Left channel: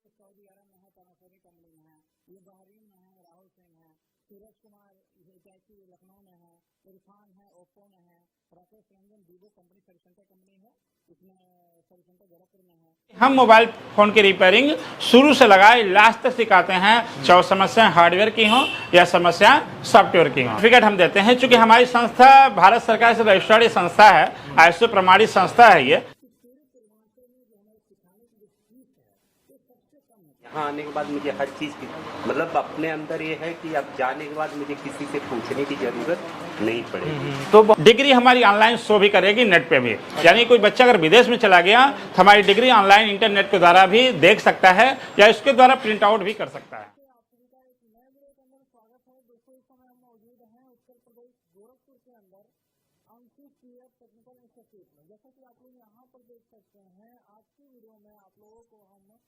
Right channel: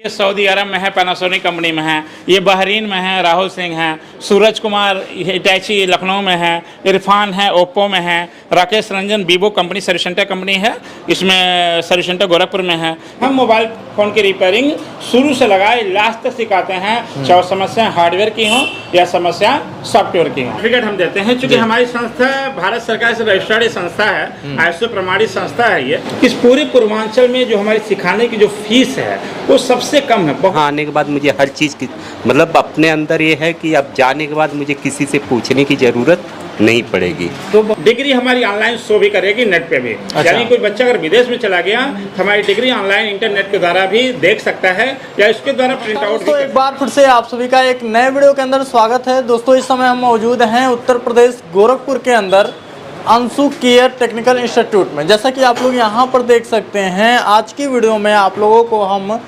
ये सऊदी अरब में है, पैनासोनिक कंपनी में है। ये बहरीन में है, राहुल सिंह है। सूरज कुमार हिटैची लखनऊ में है। इरफान है, ओप्पो में है। Rakesh Ranjan Vivo company service centre company है, इसमें सर्विस सेंटर गोरखपुर में है। हम मोबाइल फ़ोन की रिपेयरिंग शुरू से लगाए लास्ट तक सिखाते हैं, चाहे समस्या हार्डवेयर की हो या समस्या सॉफ्टवेयर की हो। सर्टिफिकेट हम देते हैं, चूँकि हमारी संस्था भारत सरकार से रजिस्टर्ड संस्था है, ISO प्रमाणित संस्था है। ये इस पूरे पूर्वांचल में जो हमारी सिखाने की जो फीस है वो सबसे कम है। वहाँ आने के बाद मुझे हर चीज़ की मतलब अपने अंदर ये है कि अब जाने के बाद मुझे किसी से पूछने की ज़रूरत नहीं पड़ेगी। तो डिग्री हमारी ऑनलाइन शो भी करेगी नेट पे भी। यानी कोई बच्चा अगर विदेश में चला गया तो हमारी डिग्री ऑनलाइन इंटरनेट के द्वारा भी देख सकता है या इसके द्वारा प्रिंट आउट भी। एक बार फिर से आप सभी का एक नए वीडियो के अंदर स्वागत है। दोस्तों, इस समय हम मौजूद हैं उत्तर प्रदेश गोरखपुर के अंदर अंशु केयर टेक्निकल इंस्टीट्यूट में। जैसा कि आप लोग यहाँ पर देख सकते हैं, आज की वीडियो में आप लोगों को हम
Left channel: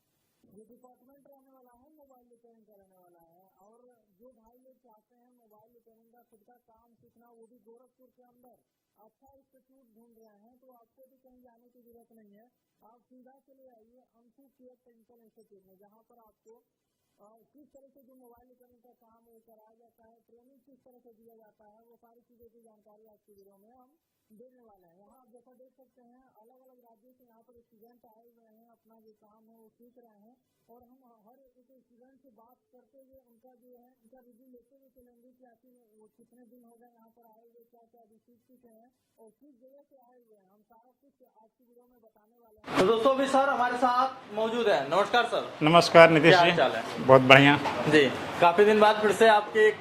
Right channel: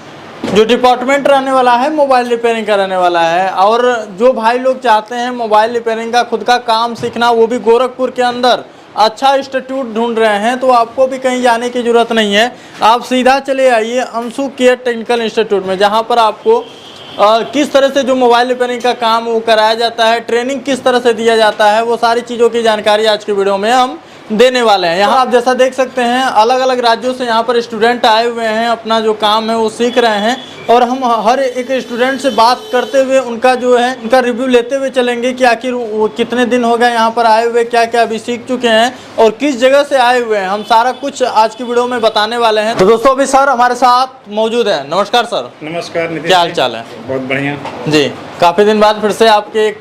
जो डिपार्टमेंट रहने वाला है मोबाइल रिपेयरिंग का रहने वाला है। और जो भाई लोग चाहते हैं मोबाइल रिपेयरिंग का खुद का काम सीखना, वो भी गोरखपुर के अंदर अच्छा इंस्टीट्यूट ढूंढ रहे हैं, तो आपको भी कहीं जाने की ज़रूरत नहीं है। आप सीधा चले आइए अंशु केयर टेक्निकल इंस्टीट्यूट में, जहाँ पर आपको किस तरह से जो मोबाइल रिपेयरिंग का काम वो कराया जाता है, ट्रेनिंग किस तरह से दिया जाता है, वो सारी चीज़ों की जानकारी आज की वीडियो में हम देने वाले हैं। यहाँ आप जैसा देख सकते हैं, अलग अलग राज्यों से यहाँ पर स्टूडेंट आए हुए हैं, अपना जो काम है वो सीख रहे हैं। और हम हर एक स्टूडेंट से बात करते हुए उनका जो है उनका रिव्यू लेते हुए चलेंगे कि आखिर वो कितने दिन हो गए यहाँ पर आए हुए, क्या क्या अभी सीख चुके हैं और किस जगह से आए हुए हैं, हम सारा कुछ आज की वीडियो में बताने वाले हैं। तो दोस्तों, अभी सर हमारे साथ मौजूद हैं। नमस्कार सर। नमस्कार, क्या हाल चाल है? बहुत बढ़िया जी। काफ़ी दिन बाद फिर से आपके एक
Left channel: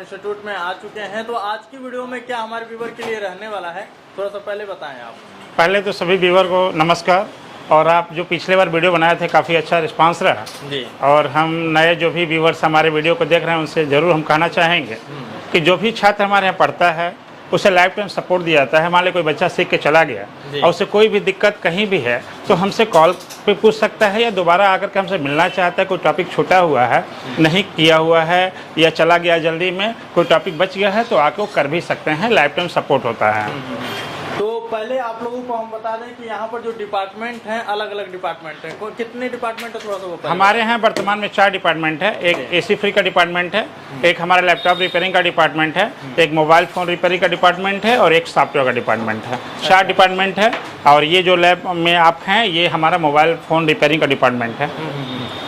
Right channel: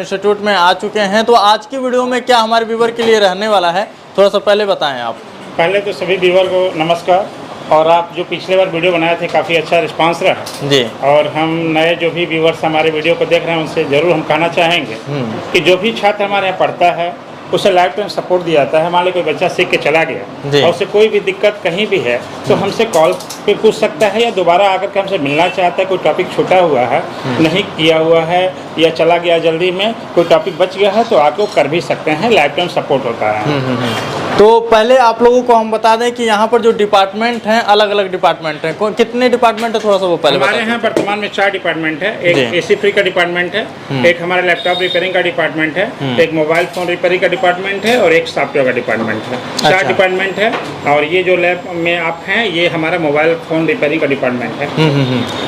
इंस्टीट्यूट में आ चुके हैं, तो आज की वीडियो में क्या हमारे व्यूवर के लिए रहने वाला है, थोड़ा सा पहले बताएं आप। पहले तो सभी व्यूवर को नमस्कार। और आप जो पिछले बार वीडियो बनाए थे काफ़ी अच्छा रिस्पांस रहा जी। और हम नए जो भी व्यूवर्स हमारे वीडियो को देख रहे हैं उनसे ज़रूर हम कहना चाहेंगे कि जो भी छात्र हमारे यहाँ पढ़ता है उसे लाइफ टाइम सपोर्ट दिया जाता है। मान लीजिए कोई बच्चा सीख के चला गया और उसे कोई भी दिक्कत कहीं भी है तो हमसे कॉल पे पूछ सकता है या दोबारा आकर के हमसे मिलना चाहता है। कोई टॉपिक छूटा हुआ है, नहीं किया हुआ है या चला गया जल्दी में, कोई टॉपिक बच गया है तो आके वो कर भी सकते हैं। लाइफ टाइम सपोर्ट होता है। तो पहले आप लोगों को हम बता दें कि यहाँ पर जो डिपार्टमेंट हैं, अलग अलग डिपार्टमेंट हैं। कितने डिपार्टमेंट है, थोड़ा सा वो पहले हमारे यहाँ वर्तमान में 4 डिपार्टमेंट है। एक AC फ्री का डिपार्टमेंट है, एक हमारा लैपटॉप रिपेयरिंग का डिपार्टमेंट है, एक मोबाइल फोन रिपेयरिंग का डिपार्टमेंट है और एक सॉफ्टवेयर का डिपार्टमेंट है। 4 डिपार्टमेंट है। और ये जो लैब में आप हैं ये हमारा मोबाइल फोन रिपेयरिंग का डिपार्टमेंट है।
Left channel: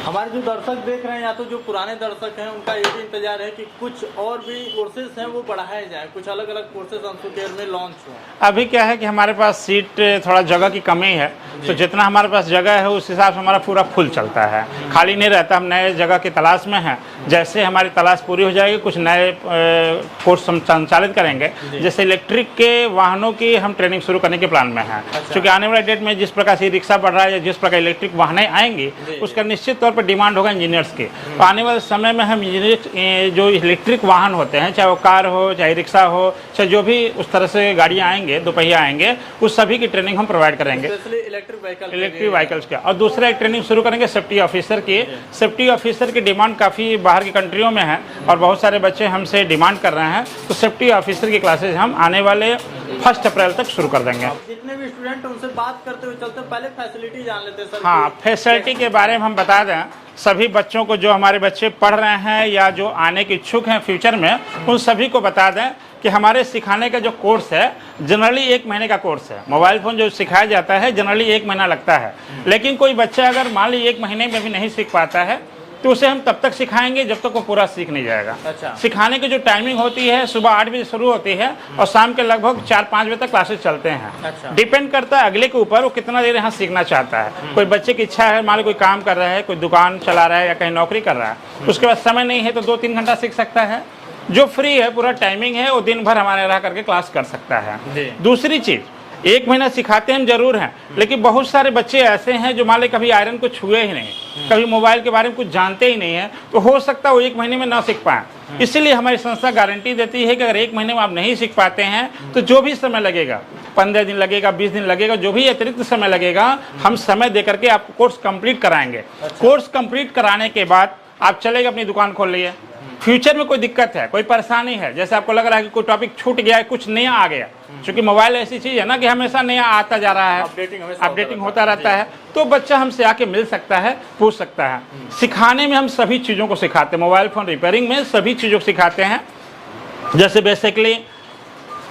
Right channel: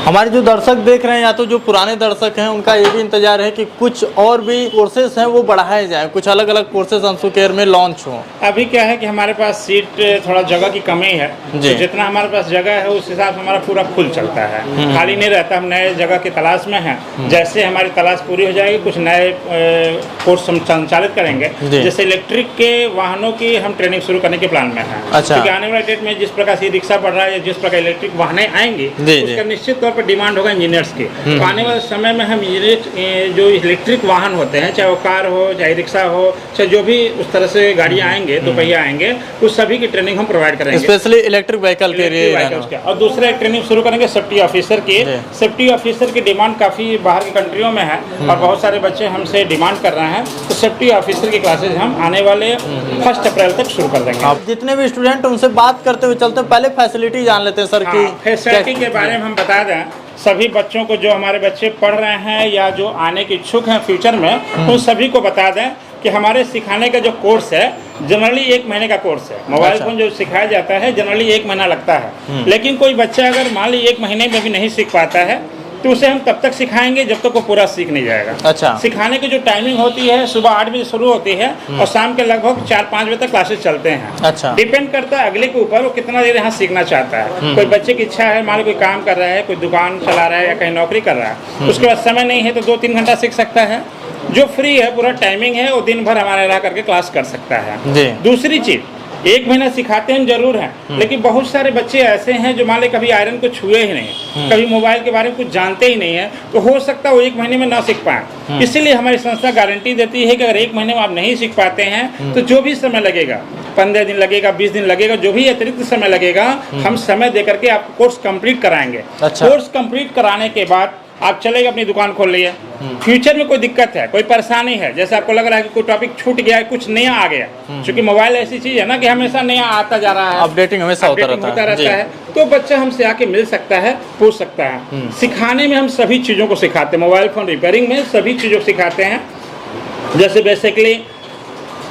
हमारे जो दर्शक देख रहे हैं या तो जो पुराने दर्शक हैं उनका ये भी इंतजार है कि कुछ और भी कोर्सेज हैं वो बढ़ाए जाए, कुछ अलग अलग कोर्सेज अंशु केयर में लॉन्च हो। अभी क्या है कि हमारे पास सीट थोड़ा जगह की कमी है, तो जितना हमारे पास जगह है उस हिसाब से हमारा पूरा फुल चलता है, खाली नहीं रहता। हम नए जगह की तलाश में हैं। जैसे हमारी तलाश पूरी हो जाएगी कुछ नए कोर्स हम संचालित करेंगे। जैसे इलेक्ट्रिक के वाहनों की हम ट्रेनिंग शुरू करने के प्लान में है। क्योंकि आने वाले डेट में जिस प्रकार से रिक्शा बढ़ रहा है या जिस प्रकार इलेक्ट्रिक वाहनें आएंगी उसका निश्चित तौर पर डिमांड होगा इंजीनियर्स की। तो आने वाले समय में हम जो इलेक्ट्रिक वाहन होते हैं, चाहे वो कार हो चाहे रिक्शा हो चाहे जो भी उस तरह से गाड़ियाँ आएंगे, दोपहिया आएंगे, उस सभी की ट्रेनिंग हम प्रोवाइड करेंगे, स्पेशली इलेक्ट्रिक व्हीकल के लिए। और दूसरा एक ट्रेनिंग शुरू करेंगे सेफ्टी ऑफिसर की। सेफ्टी ऑफिसर की डिमांड काफ़ी बाहर की कंट्रियों में है और बहुत सारे बच्चे हमसे डिमांड कर रहे हैं। तो सेफ्टी ऑफिसर की क्लासेज हम आने वाले 1 अप्रैल तक शुरू कर देंगे। जितने भी स्टूडेंट उनसे बात करते हुए चलते हैं, पहले फैसिलिटी जान लेते हैं सर की। फैसिलिटी के बारे में हम बता दें सभी बच्चों को, जो हमारे बच्चे पढ़ रहे हैं या जो आने के इच्छुक हैं फ्यूचर में, उन सभी को बता दें कि हमारे सिखाने का जो कोर्स है जनरली 1 महीने का कोर्स है। मोबाइल फोन जो सिखाया जाता है जनरली 1 महीना लगता है। लेकिन कोई बच्चा अगर मान लीजिए 1 महीने में भी नहीं सीख पाता है तो उसे हम तब तक सिखाएंगे जब तक वो पूरा सीख नहीं जाएगा। अच्छा। सिखाने की जो टाइमिंग होती है सुबह 8 बजे शुरू होती है और शाम के लगभग 4-5 बजे तक क्लासेस चलते हैं। अच्छा। डिपेंड करता है अगले के ऊपर वो कितना देर यहाँ सीखना चाहता है। कोई बच्चे की इच्छा है, मान लो कोई काम कर रहा है, कोई दुकान चला रहा है या कहीं नौकरी कर रहा है, उसके बाद समय नहीं है तो 2-3 घंटा सीख सकता है। जो फ्री है, पूरा टाइमिंग है, वो दिन भर हमारे यहाँ करके क्लास कर सकता है। दूसरी चीज, 1 महीना सिखाते हम जरूर हैं, लेकिन बहुत सारे बच्चे ऐसे हैं जो मान ली कभी आयरन को छुए ही नहीं, कभी मोबाइल के बारे में कुछ जानते ही नहीं है, तो हो सकता है वो 1 महीने में ना सीख पाए। इसीलिए हमारी संस्था गारंटी देती है कि अगर 1 महीने में आप नहीं सीख पाते हैं तो जो भी समय लगेगा, 15 दिन लगेगा, 20 दिन लगेगा, जो भी अतिरिक्त समय लगेगा, हम समय दे करके आप कोर्स कंप्लीट कराएंगे। कोर्स कंप्लीट कराने के बाद आप चले गए अपनी दुकान खोल लिए। फ्यूचर में कोई दिक्कत है, कोई परेशानी है, जैसे आपको लग रहा है कि कोई टॉपिक छूट गया है, कुछ नया आ गया, क्योंकि मोबाइल ऐसी चीज है ना कि हमेशा नया आता जा रहा है, अपडेटिंग हमेशा होता रहता है, तो बच्चा हमसे आके मिल सकता है, पूछ सकता है। सिखाने में हम सभी चीज़ों को सिखाते हैं, मोबाइल फ़ोन रिपेयरिंग में सभी चीज़ों को सिखाते हैं। जैसे बेसिकली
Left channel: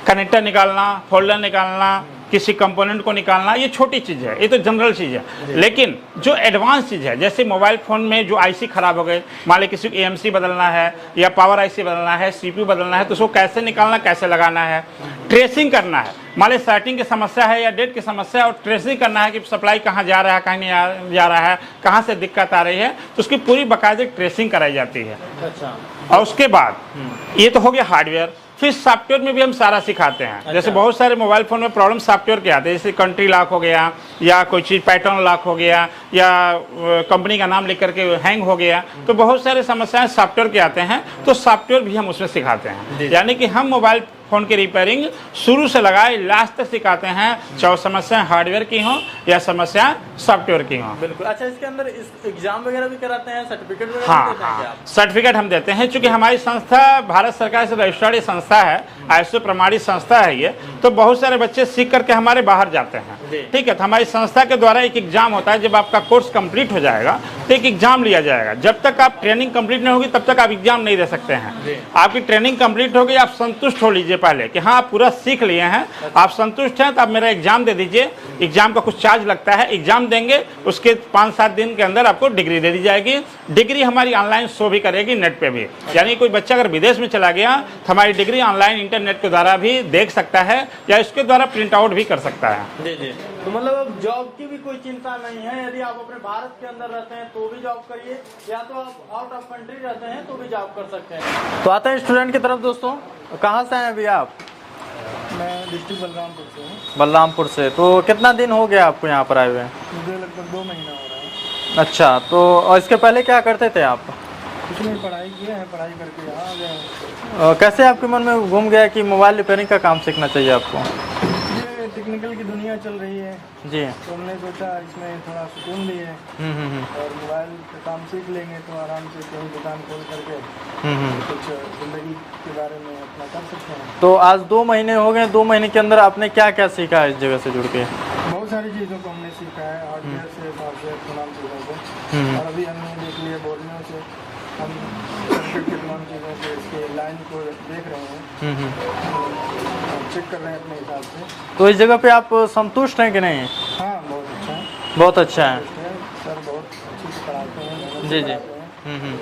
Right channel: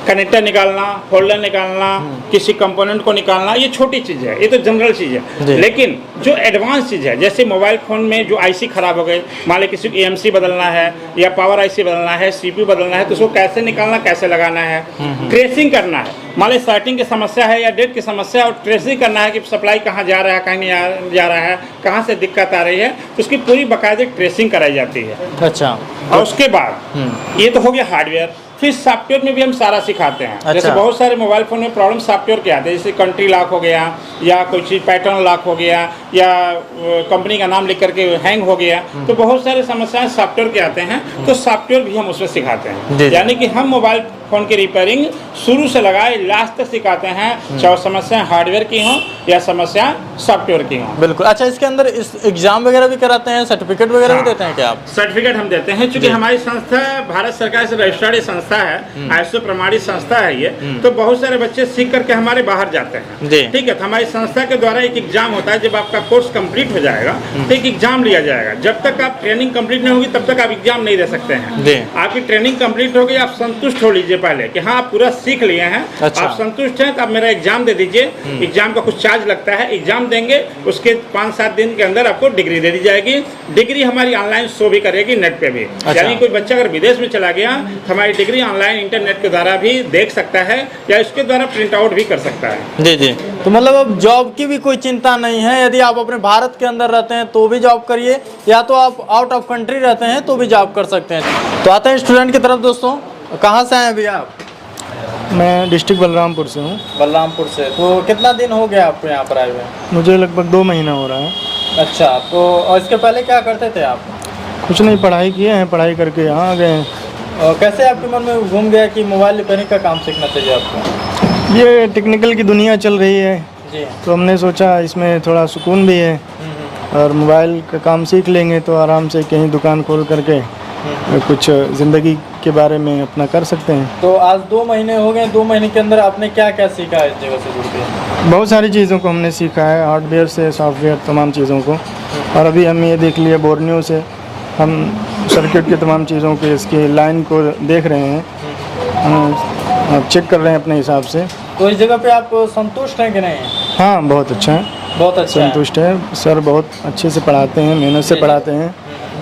कनेक्टर निकालना, फोल्डर निकालना, किसी कंपोनेंट को निकालना, ये छोटी चीज़ है, ये तो जनरल चीज़ है। लेकिन जो एडवांस चीज़ है, जैसे मोबाइल फ़ोन में जो आईसी खराब हो गए, मान लीजिए किसी को एएमसी बदलना है या पावर आईसी बदलना है, सीपीयू बदलना है, तो उसको कैसे निकालना, कैसे लगाना है, ट्रेसिंग करना है। मान लीजिए सर्टिंग की समस्या है या डेट की समस्या है और ट्रेसिंग करना है कि सप्लाई कहाँ जा रहा है, कहाँ नहीं जा रहा है, कहाँ से दिक्कत आ रही है, तो उसकी पूरी बाकायदे ट्रेसिंग कराई जाती है। अच्छा, और उसके बाद ये तो हो गया हार्डवेयर। फिर सॉफ्टवेयर में भी हम सारा सिखाते हैं। अच्छा। जैसे बहुत सारे मोबाइल फोन में प्रॉब्लम सॉफ्टवेयर के आते हैं, जैसे कंट्री लॉक हो गया या कोई चीज़ पैटर्न लॉक हो गया या कंपनी का नाम लिख करके हैंग हो गया, तो बहुत सारे समस्याएं सॉफ्टवेयर के आते हैं, तो सॉफ्टवेयर भी हम उसमें सिखाते हैं। यानी कि हम मोबाइल फोन की रिपेयरिंग शुरू से लगाए लास्ट तक सिखाते हैं, चाहे समस्या हार्डवेयर की हो या समस्या सॉफ्टवेयर की हो। बिल्कुल। अच्छा, इसके अंदर इस एग्जाम वगैरह भी कराते हैं, सर्टिफिकेट वगैरह भी देते हैं क्या आप? सर्टिफिकेट हम देते हैं, क्योंकि हमारी संस्था भारत सरकार से रजिस्टर्ड संस्था है, ISO प्रमाणित संस्था है ये, तो बहुत सारे बच्चे सीख करके हमारे बाहर जाते हैं। ठीक है, तो हमारी संस्था के द्वारा एक एग्जाम होता है, जब आपका कोर्स कंप्लीट हो जाएगा तो एक एग्जाम लिया जाएगा। जब तक आप ट्रेनिंग कंप्लीट नहीं होगी तब तक आप एग्जाम नहीं दे सकते हैं। आपकी ट्रेनिंग कंप्लीट होगी, आप संतुष्ट हो लीजिए पहले कि हाँ आप पूरा सीख लिए हैं। अच्छा। आप संतुष्ट हैं तो आप मेरा एग्जाम दे दीजिए। एग्जाम का कुछ चार्ज लगता है, एग्जाम देंगे, उसके 5-7 दिन के अंदर आपको डिग्री दे दी जाएगी। डिग्री हमारी ऑनलाइन शो भी करेगी नेट पे भी। अच्छा। यानी कोई बच्चा अगर विदेश में चला गया तो हमारी डिग्री ऑनलाइन इंटरनेट के द्वारा भी देख सकता है या इसके द्वारा प्रिंट आउट भी कर सकता है। जी जी। तो मतलब अब जॉब की भी कोई चिंता नहीं है, यदि आप अपने भारत के अंदर रहते हैं तो भी जॉब करिए, या तो आप आउट ऑफ कंट्री रहते हैं तो भी जॉब कर सकते हैं। तो आते हैं स्टूडेंट की तरफ। दोस्तों, कहाँ से आए अभी आप? मैं डिस्ट्रिक्ट बलरामपुर से हूँ। बलरामपुर से। तो कितना दिन हो गया आपको यहाँ पर आए हुए? मुझे लगभग 2 महीना हो रहा है। अच्छा, तो और इसके पहले क्या करते थे आप? कुछ नहीं, पढ़ाई किए हैं, पढ़ाई करके यहाँ आ गए हैं। कैसे आपके मन में घूम गया कि मोबाइल रिपेयरिंग का काम सीखना चाहिए आपको? ये टेक्निकल की दुनिया चल रही है, जी। तो हमने सोचा इसमें थोड़ा सुकून भी है और मोबाइल का काम सीख लेंगे तो आराम से कहीं दुकान खोल करके कुछ ज़िंदगी के बारे में अपना कर सकते हैं। तो आज 2 महीने हो गए, 2 महीने के अंदर आपने क्या क्या सीखा है इस जगह से जुड़ के? बहुत सारी चीज़ों को हमने सीखा है, हार्डवेयर से सॉफ्टवेयर तमाम चीज़ों को। और अभी हम ये देख लिए बोर्नियो से हम सर्किट के तमाम चीज़ों के इसकी लाइन को देख रहे हैं, हम चेक कर रहे हैं अपने हिसाब से। तो इस जगह पे आप संतुष्ट हैं कि नहीं? हाँ, बहुत अच्छा है, बहुत अच्छा है। संतुष्ट है। सर बहुत अच्छे से पढ़ाते हैं, मेहनत से पढ़ाते हैं।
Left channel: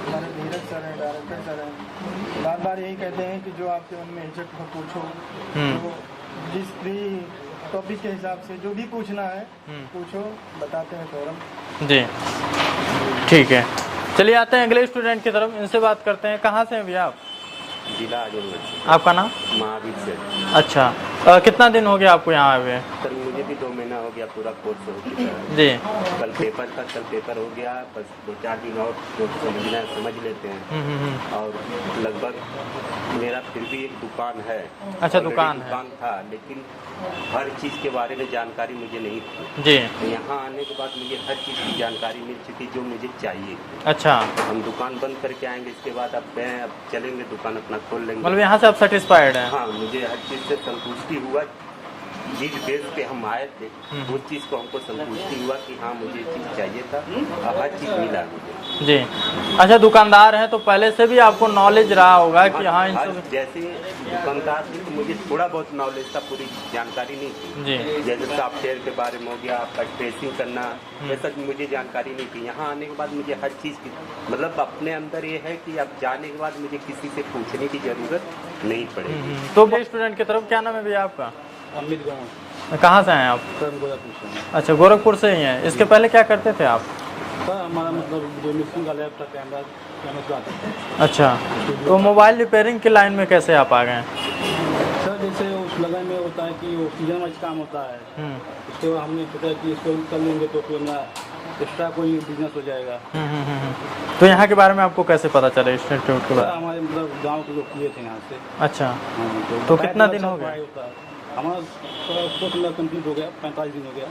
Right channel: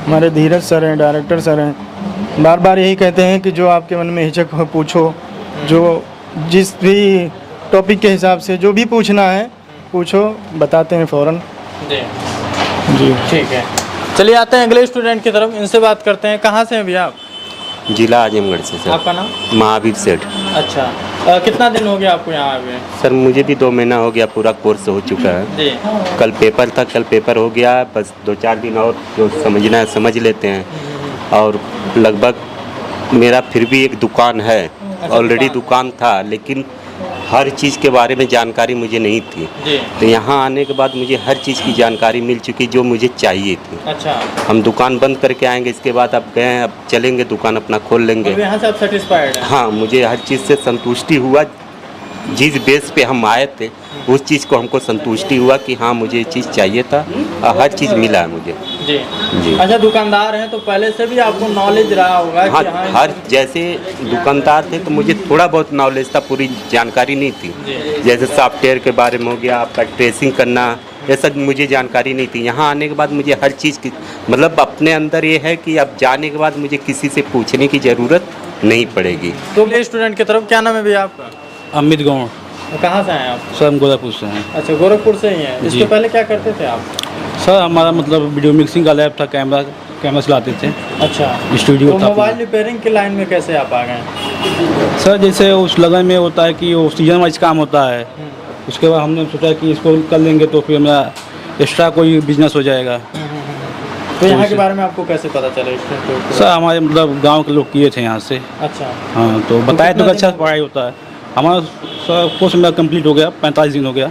हमारे धीरज सर हैं, डायरेक्टर सर हैं, बार बार यही कहते हैं कि जो आपके मन में हिचक हो पूछो, जो जिस भी टॉपिक के हिसाब से जो भी पूछना है पूछो, बताते हैं फ़ौरन। जी जी, ठीक है। चलिए आते हैं अगले स्टूडेंट की तरफ, इनसे बात करते हैं। कहाँ से हैं भैया आप? जिला आजमगढ़ से सर। आपका नाम? महावीर सेठ। अच्छा, कितना दिन हो गया आपको यहाँ आए हुए? सर मुझे भी 2 महीना हो गया, पूरा कोर्स हो चुका है। जी। कल पेपर था, कल पेपर हो गया, बस 2-4 दिन और जो समझना है समझ लेते हैं। और लगभग मेरा फिर भी एक दुकान है, ऑलरेडी दुकान था, लेकिन हर चीज़ के बारे में जानकारी मुझे नहीं थी। जी। तो यहाँ आने के बाद मुझे हर चीज़ की जानकारी मिल चुकी जो मुझे चाहिए थी। अच्छा। हम दुकान बंद करके आएंगे, इसके बाद अब गए, अब चलेंगे दुकान अपना खोल लेंगे। तो यहाँ से आप सेटिस्फाइड हैं? हाँ, मुझे हर चीज़ से संतुष्टि हुआ। जिस बेस पे हम आए थे उस चीज़ को हमको संतुष्टि हुआ कि हाँ मुझे ये चीज़ चाहिए था और हर चीज़ मिला है मुझे। जी। जी। अच्छा, दुकानदार हैं तो पहले से भी आपको नॉलेज रहा होगा हाँ, कि हाँ हर जैसे दुकानदार थे तो मुझे थोड़ा बहुत नॉलेज था, पूरी जानकारी नहीं थी। जी। जैसे सॉफ्टवेयर के बारे में हो गया, आपका ट्रेसिंग करना, ये सब मुझे जानकारी नहीं थी। यहाँ आने के बाद मुझे हर चीज़ की मतलब अपने अंदर ये है कि अब जाने के बाद मुझे किसी से पूछने की ज़रूरत नहीं पड़ेगी। तो ये स्टूडेंट की तरफ, क्या नाम है भैया आपका? अमित गौड़। कहाँ से हैं आप? सर हम गोरखपुर से हैं। अच्छा, गोरखपुर से ही हैं। इसके जी। पहले क्या करते थे आप? सर हमारा मतलब वीडियो मिक्सिंग का लैब था, कैमरा चलाते थे। अच्छा। स्टूडियो तो था। मोबाइल रिपेयरिंग की लाइन में कैसे आप आ गए? सर जैसे उस लगन में होता है कि वो सीजन वाइज काम होता है, उसके बाद हमने सोचा कि इसको कर लेंगे तो फिर मेरा एक्स्ट्रा कोई बिजनेस हो जाएगा। तो यहाँ के बारे में आपको कैसे पता चला इंस्टीट्यूट? सर हमारे मतलब गांव के लोग किए थे यहाँ से। अच्छा। हाँ, तो बताया तो कितना अच्छा दिन? पढ़ाई होता है। हमारा सर कोर्स मेरा कंप्लीट हो गया, 45 दिन हो गया।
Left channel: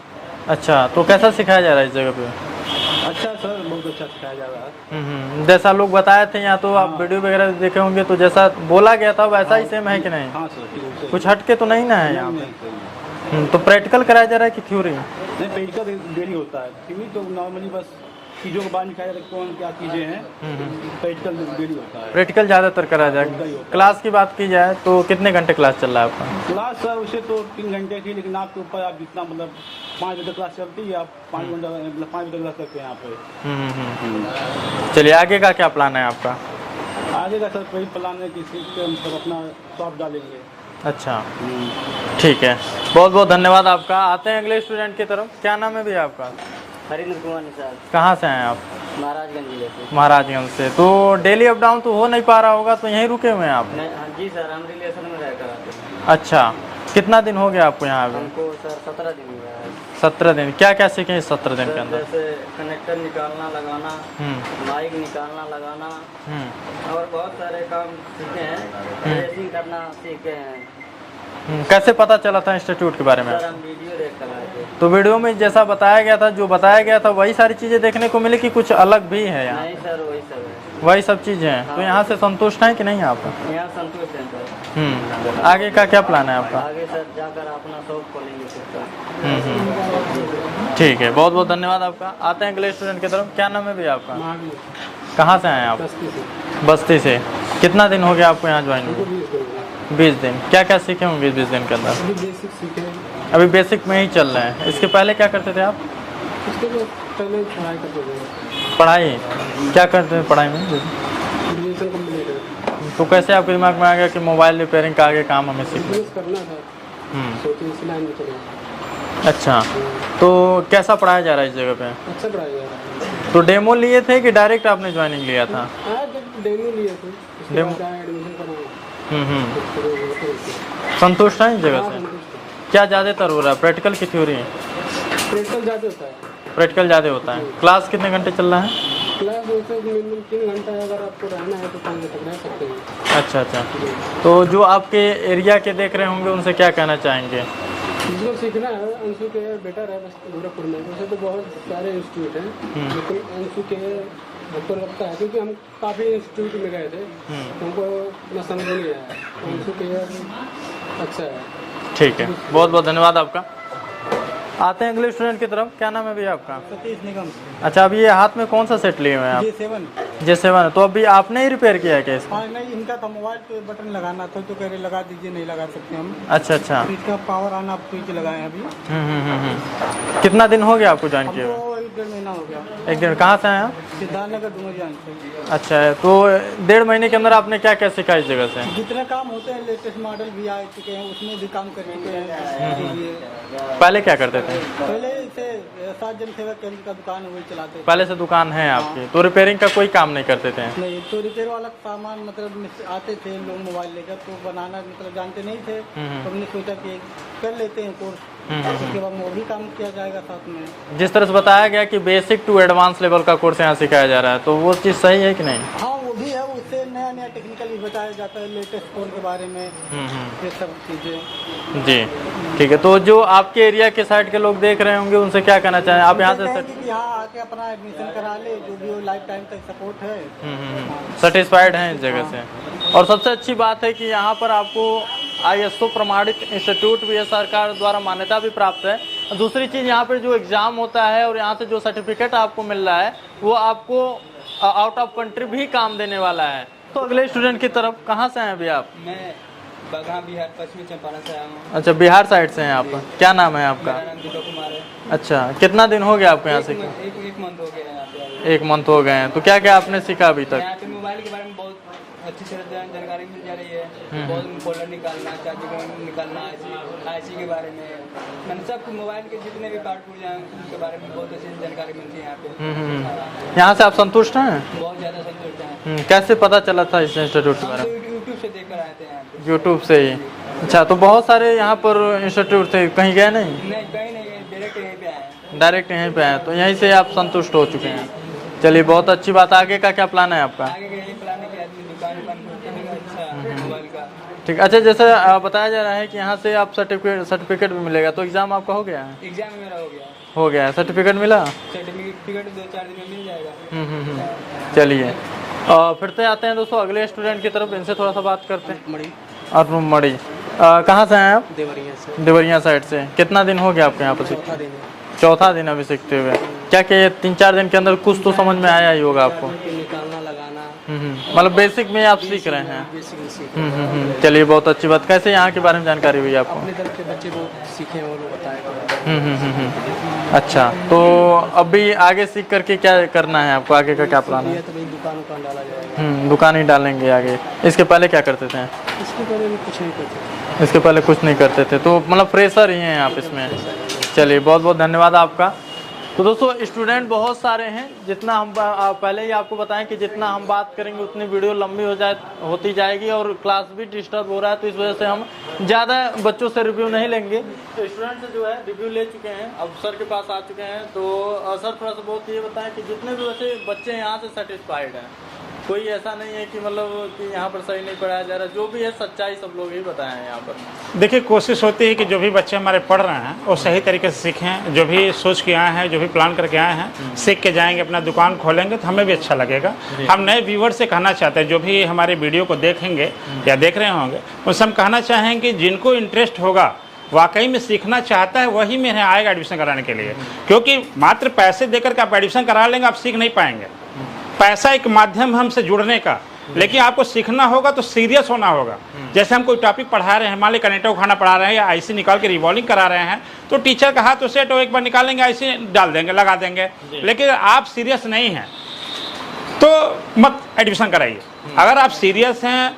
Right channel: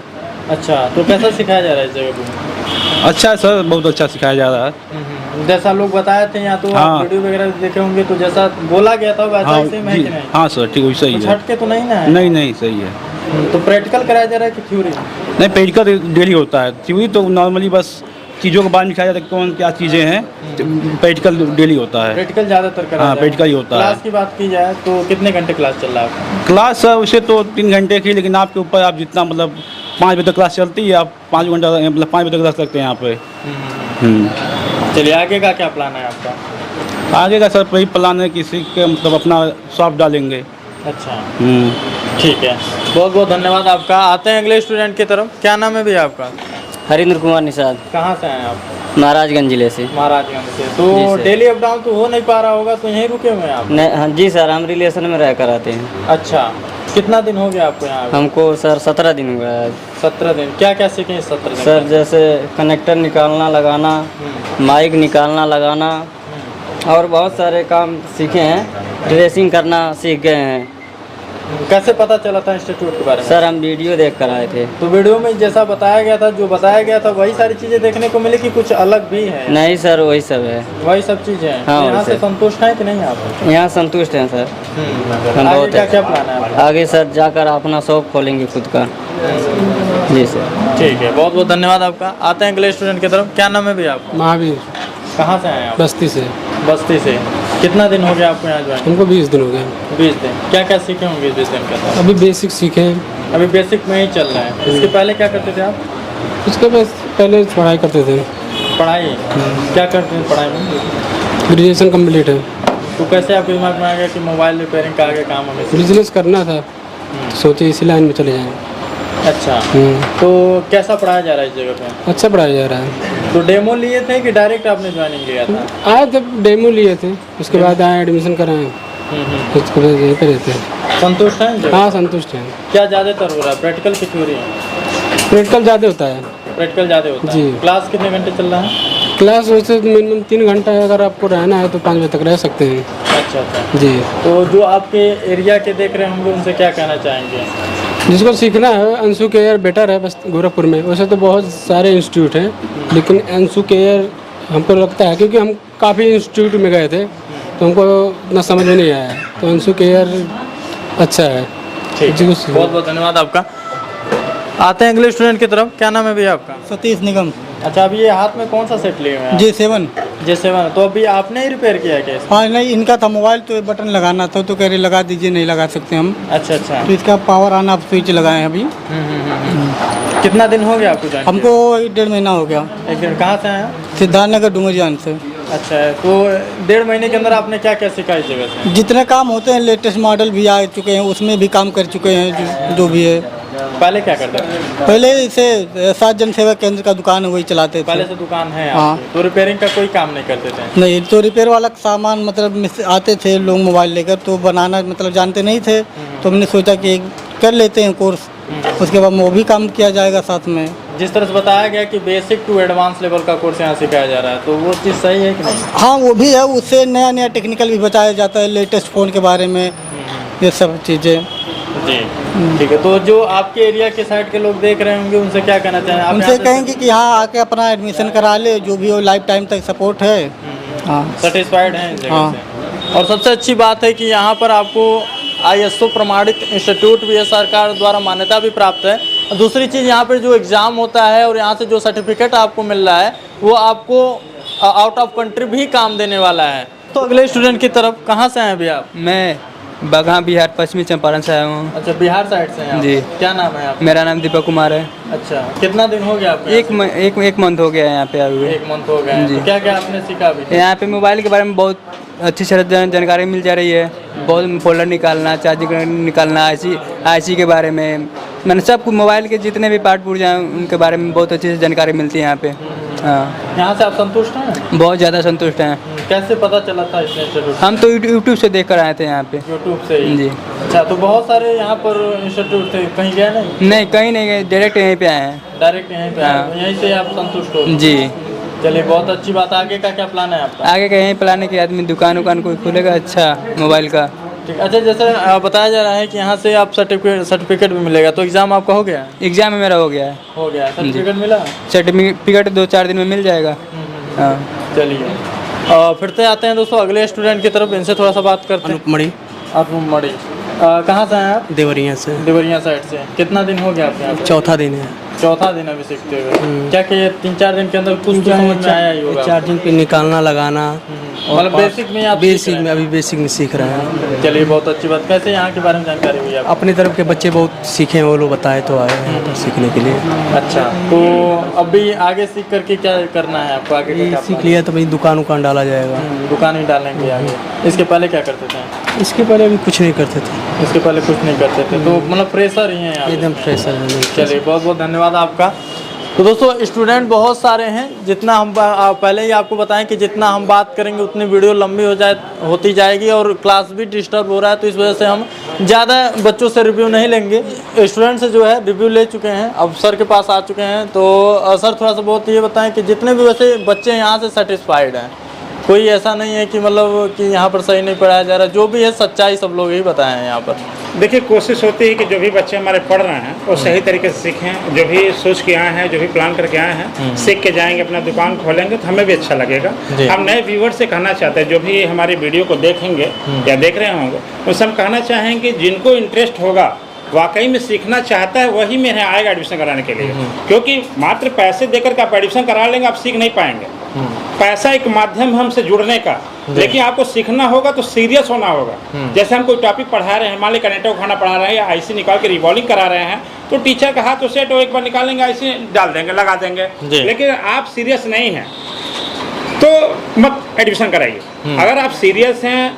अच्छा, तो कैसा सिखाया जा रहा है इस जगह पे? अच्छा है सर, बहुत अच्छा सिखाया जा रहा है। जैसा लोग बताए थे या तो आप हाँ। वीडियो वगैरह देखे होंगे तो जैसा बोला गया था वैसा हाँ ही सेम है जी, कि नहीं? हाँ सर ठीक वैसा ही कुछ है। हटके तो नहीं ना है? नहीं नहीं सही है। तो प्रैक्टिकल कराया जा रहा है कि थ्योरी? नहीं प्रैक्टिकल डेली होता है, थ्योरी तो नॉर्मली बस चीज़ों के बारे में सिखाया जाता है, कौन क्या चीज़ें हैं, प्रैक्टिकल डेली होता है। प्रैक्टिकल ज्यादातर कराया हाँ, जाएगा। प्रैक्टिकल ही होता क्लास है। की बात की जाए तो कितने घंटे क्लास चल रहा है आपका? क्लास सर उसे तो 3 घंटे की, लेकिन आपके ऊपर आप जितना मतलब 5 बजे तक क्लास चलती है, आप 5 घंटा मतलब 5 बजे तक रख सकते हैं यहाँ पे। चलिए आगे का क्या प्लान है आपका? आगे का सर वही प्लान है, किसी के मतलब अपना शॉप डालेंगे। अच्छा ठीक है, बहुत बहुत धन्यवाद आपका। आते हैं अगले स्टूडेंट की तरफ। क्या नाम है भैया आपका? हरिंद्र कुमार निषाद, कहाँ से हैं आप? महाराजगंज जिले से। महाराजगंज से। तो जी सर। डेली अप डाउन तो हो नहीं पा रहा होगा, तो यहीं रुके हुए हैं आप? नहीं हाँ जी सर, हम रिलेशन में रह कर आते हैं। अच्छा, कितना दिन हो गया आपको यहाँ? हमको सर 17 दिन हुआ है। 17 दिन। क्या क्या सीखे इस 17 दिन सर में? जैसे कनेक्टर निकालना लगाना, माइक निकालना लगाना और बहुत सारे काम सीखे हैं। ड्रेसिंग करना सीख गए हैं। कैसे पता चला था इंस्टीट्यूट के बारे में? सर हम वीडियो देख कर आए थे। तो वीडियो में जैसा बताया गया था, जो बताया गया था वही सारी चीजें देखने को मिली कि कुछ अलग भी है? नहीं सर वही सब है। वही सब चीजें हैं। हाँ, तो यहाँ वही से सब। संतुष्ट हैं कि नहीं आप? यहाँ संतुष्ट हैं सर। हम आगे बहुत क्या क्या प्लान है आपका? आगे सर जाकर अपना शॉप खोलेंगे खुद का। जी सर। ठीक है, बहुत बहुत धन्यवाद आपका। आते हैं अगले स्टूडेंट की तरफ। क्या नाम है भैया आपका? महावीर, कहाँ से हैं आप? बस्ती से। बस्ती से। कितना दिन हो गया आपको यहाँ ज्वाइन? हमको 20 दिन हो गए। 20 दिन। क्या क्या सीखे होंगे 20 दिन के अंदर? अभी बेसिक सीखे हैं। अभी बेसिक में ही चल रहे हैं। इसके पहले क्या करते थे आप? उसके बाद पहले पढ़ाई करते थे। पढ़ाई क्या करते थे पढ़ाई में? ग्रेजुएशन कंप्लीट है। तो कैसे आपके दिमाग में आ गया कि मोबाइल रिपेयरिंग का आगे काम होंगे? बिजनेस करना था तो सोचे इसी लाइन में चले जाएँ। अच्छा, तो कैसा पढ़ाया जा रहा है इस जगह पे? अच्छा पढ़ाया जा रहा है। तो डेमो लिए थे कि डायरेक्ट आपने ज्वाइनिंग लिया था? आए थे, डेमो लिए थे, उसके बाद आए एडमिशन कराएं, उसके बाद यहीं पे रहते हैं। संतुष्ट हैं इस जगह? हाँ संतुष्ट हैं। क्या ज़्यादातर हो रहा है, प्रैक्टिकल की थ्योरी? प्रैक्टिकल ज़्यादा होता है। प्रैक्टिकल ज़्यादा होता है। जी। क्लास कितने घंटे चल रहा है? क्लास वैसे मिनिमम 3 घंटा है, अगर आपको रहना है तो 5 बजे तक रह सकते हैं। अच्छा अच्छा। जी, तो जो आपके एरिया के देख रहे होंगे उनसे क्या कहना चाहेंगे? जिसको सीखना है अंशु केयर बेटर है बस गोरखपुर में। वैसे तो बहुत सारे इंस्टीट्यूट हैं, लेकिन अंशु केयर हमको लगता है, क्योंकि हम काफ़ी इंस्टीट्यूट में गए थे तो हमको इतना समझ में नहीं आया, तो अंशु केयर अच्छा है। ठीक जी, है, उसी- बहुत बहुत धन्यवाद आपका। आते हैं अगले स्टूडेंट की तरफ। क्या नाम है भैया आपका? सतीश निगम। अच्छा, अभी ये हाथ में कौन सा सेट लिए हुए हैं? J7। J7। तो अभी आपने ही रिपेयर किया है क्या इसको? हाँ नहीं, इनका था मोबाइल, तो बटन लगाना था तो कह रहे लगा दीजिए, नहीं लगा सकते हम। अच्छा अच्छा। तो इसका पावर ऑन ऑफ स्विच लगाए हैं अभी। कितना दिन हो गया आपको ज्वाइन हमको 1.5 महीना हो गया। किए? एक दिन। कहाँ से आए आप? सिद्धार्थनगर डुमरियान से। अच्छा है, तो 1.5 महीने के अंदर आपने क्या क्या सीखा इस जगह से? जितने काम होते हैं लेटेस्ट मॉडल भी आ चुके हैं, उसमें भी काम कर चुके हैं जो भी है। पहले क्या करते थे? पहले इसे 7 जन सेवा केंद्र का दुकान है, वही चलाते पहले थे। से दुकान है हाँ। आपकी, तो रिपेयरिंग का कोई काम नहीं करते थे? नहीं, तो रिपेयर वाला सामान मतलब आते थे लोग मोबाइल लेकर, तो बनाना मतलब जानते नहीं थे, तो हमने सोचा कि कर लेते हैं कोर्स, उसके बाद वो भी काम किया जाएगा साथ में। जिस तरह से बताया गया कि बेसिक टू एडवांस लेवल का कोर्स यहाँ सिखाया जा रहा है, तो वो चीज़ सही है कि नहीं? हाँ वो भी है, उससे नया नया टेक्निकल भी बताया जाता है, लेटेस्ट फ़ोन के बारे में, ये सब चीज़ें। जी ठीक है। तो जो आपके एरिया के साइड के लोग देख रहे होंगे उनसे क्या कहना चाहें आप? उनसे कहेंगे कि यहाँ आके अपना एडमिशन करा ले, जो भी हो लाइफ टाइम तक सपोर्ट है। हाँ सेटिस्फाइड हैं इस जगह हाँ। से? और सबसे अच्छी बात है कि यहाँ पर आपको ISO प्रमाणित इंस्टीट्यूट भी है, सरकार द्वारा मान्यता भी प्राप्त है। और दूसरी चीज़, यहाँ पर जो एग्ज़ाम होता है और यहाँ से जो सर्टिफिकेट आपको मिल रहा है वो आपको आउट ऑफ कंट्री भी काम देने वाला है। तो अगले स्टूडेंट की तरफ। कहाँ से हैं भैया आप? मैं बगहा बिहार पश्चिमी चंपारण से आया हूँ। अच्छा, बिहार साइड से हैं आप? जी। क्या नाम है आप? मेरा नाम दीपक कुमार है। अच्छा, कितना दिन हो गया आपको यहाँ से? एक मंथ हो गया है यहाँ पे आए हुए। 1 मंथ हो गया है। तो क्या क्या आपने सीखा अभी तक? यहाँ पे मोबाइल के बारे में बहुत अच्छी जानकारी मिल जा रही है। बहुत फोल्डर निकालना, चार्जिंग निकालना, IC के बारे में, मैंने सब कुछ मोबाइल के जितने भी पार्ट पुर्जे हैं उनके बारे में बहुत अच्छी से जानकारी मिलती है यहाँ पे। हाँ, यहाँ से आप संतुष्ट हैं? बहुत ज़्यादा संतुष्ट हैं। कैसे पता चला था इस इंस्टीट्यूट? हम तो यूट्यूब से देख कर आए थे यहाँ पे। यूट्यूब से ही? जी। अच्छा, तो बहुत सारे यहाँ पर इंस्टीट्यूट से कहीं गए नहीं? नहीं, कहीं नहीं गए, डायरेक्ट यहीं पे आए हैं। डायरेक्ट यहीं पे आए, तो यहीं से आप संतुष्ट हो? जी। चलिए, बहुत अच्छी बात। आगे का क्या प्लान है आपका? आगे का यहीं प्लान है कि आदमी दुकान कोई खोलेगा अच्छा मोबाइल का। ठीक। अच्छा, जैसा बताया जा रहा है कि यहाँ से आप सर्टिफिकेट भी मिलेगा, तो एग्ज़ाम आपका हो गया है? एग्जाम में मेरा हो गया है। हो गया, सर्टिफिकेट मिला? सर्टिफिकेट 2-4 दिन में मिल जाएगा। हाँ। चलिए, फिर से आते हैं दोस्तों अगले स्टूडेंट की तरफ, इनसे थोड़ा सा बात करते हैं। मणि अनुपम मणि, कहाँ से हैं आप? देवरिया से। देवरिया साइड से। कितना दिन हो गया आपके यहाँ? चौथा दिन है। चौथा दिन अभी सीखते हुए। क्या कि 3-4 दिन के अंदर कुछ तो समझ में आया ही होगा? चार्जिंग पे निकालना लगाना, मतलब बेसिक में आप बेसिक में अभी बेसिक में सीख रहे हैं। चलिए, बहुत अच्छी बात। कैसे यहाँ के बारे में जानकारी हुई आपको? अपनी तरफ के बच्चे बहुत सीखे हैं, वो लोग बताए तो आए हैं सीखने के लिए। अच्छा, तो अभी आगे सीख करके क्या करना है आपको? आगे का क्या सीख लिया तो भाई दुकान उकान डाला जाएगा। दुकान ही डालेंगे आगे। इसके पहले क्या करते थे? इसके पहले अभी कुछ नहीं करते थे। इसके पहले कुछ नहीं करते थे, तो मतलब फ्रेशर ही हैं आप? एकदम फ्रेश है। चलिए, बहुत बहुत धन्यवाद आपका। तो दोस्तों स्टूडेंट बहुत सारे हैं, जितना हम पहले ही आपको बताएं कि जितना हम बात करेंगे उतनी वीडियो लंबी होती जाएगी और क्लास भी डिस्टर्ब हो रहा है, तो इस वजह से हम ज़्यादा बच्चों से रिव्यू नहीं लेंगे। स्टूडेंट से जो है रिव्यू ले चुके हैं, अब सर के पास आ चुके हैं। तो सर थोड़ा सा बहुत ये बताएं कि जितने भी वैसे बच्चे यहाँ से सेटिस्फाइड हैं, कोई ऐसा नहीं है कि मतलब कि यहाँ पर सही नहीं पढ़ाया जा रहा, जो भी है सच्चाई सब लोग ही बताए हैं यहाँ पर। देखिए, कोशिश होती है कि जो भी बच्चे हमारे पढ़ रहे हैं वो सही तरीके से सीखें। जो भी सोच के आए हैं, जो भी प्लान करके आए हैं, सीख के जाएंगे, अपना दुकान खोलेंगे तो हमें भी अच्छा लगेगा। हम नए व्यूअर से कहना चाहते हैं, जो भी हमारी वीडियो को देखेंगे या देख रहे होंगे, उनसे हम कहना चाहेंगे कि जिनको इंटरेस्ट होगा, वाकई में सीखना चाहता है, वही मेरे यहाँ आएगा एडमिशन कराने के लिए। क्योंकि मात्र पैसे देकर के आप एडमिशन करा लेंगे, आप सीख नहीं पाएंगे। पैसा एक माध्यम हमसे जुड़ने का, लेकिन आपको सीखना होगा तो सीरियस होना होगा। जैसे हम कोई टॉपिक पढ़ा रहे हैं, मान ली कनेक्टर उठाना पढ़ा रहे हैं या आईसी निकाल के रिवॉल्विंग करा रहे हैं, तो टीचर का हाथ तो सेट हो, एक बार निकालेंगे, आईसी डाल देंगे, लगा देंगे। लेकिन आप सीरियस नहीं हैं तो मत एडमिशन कराइए। अगर आप सीरियस हैं,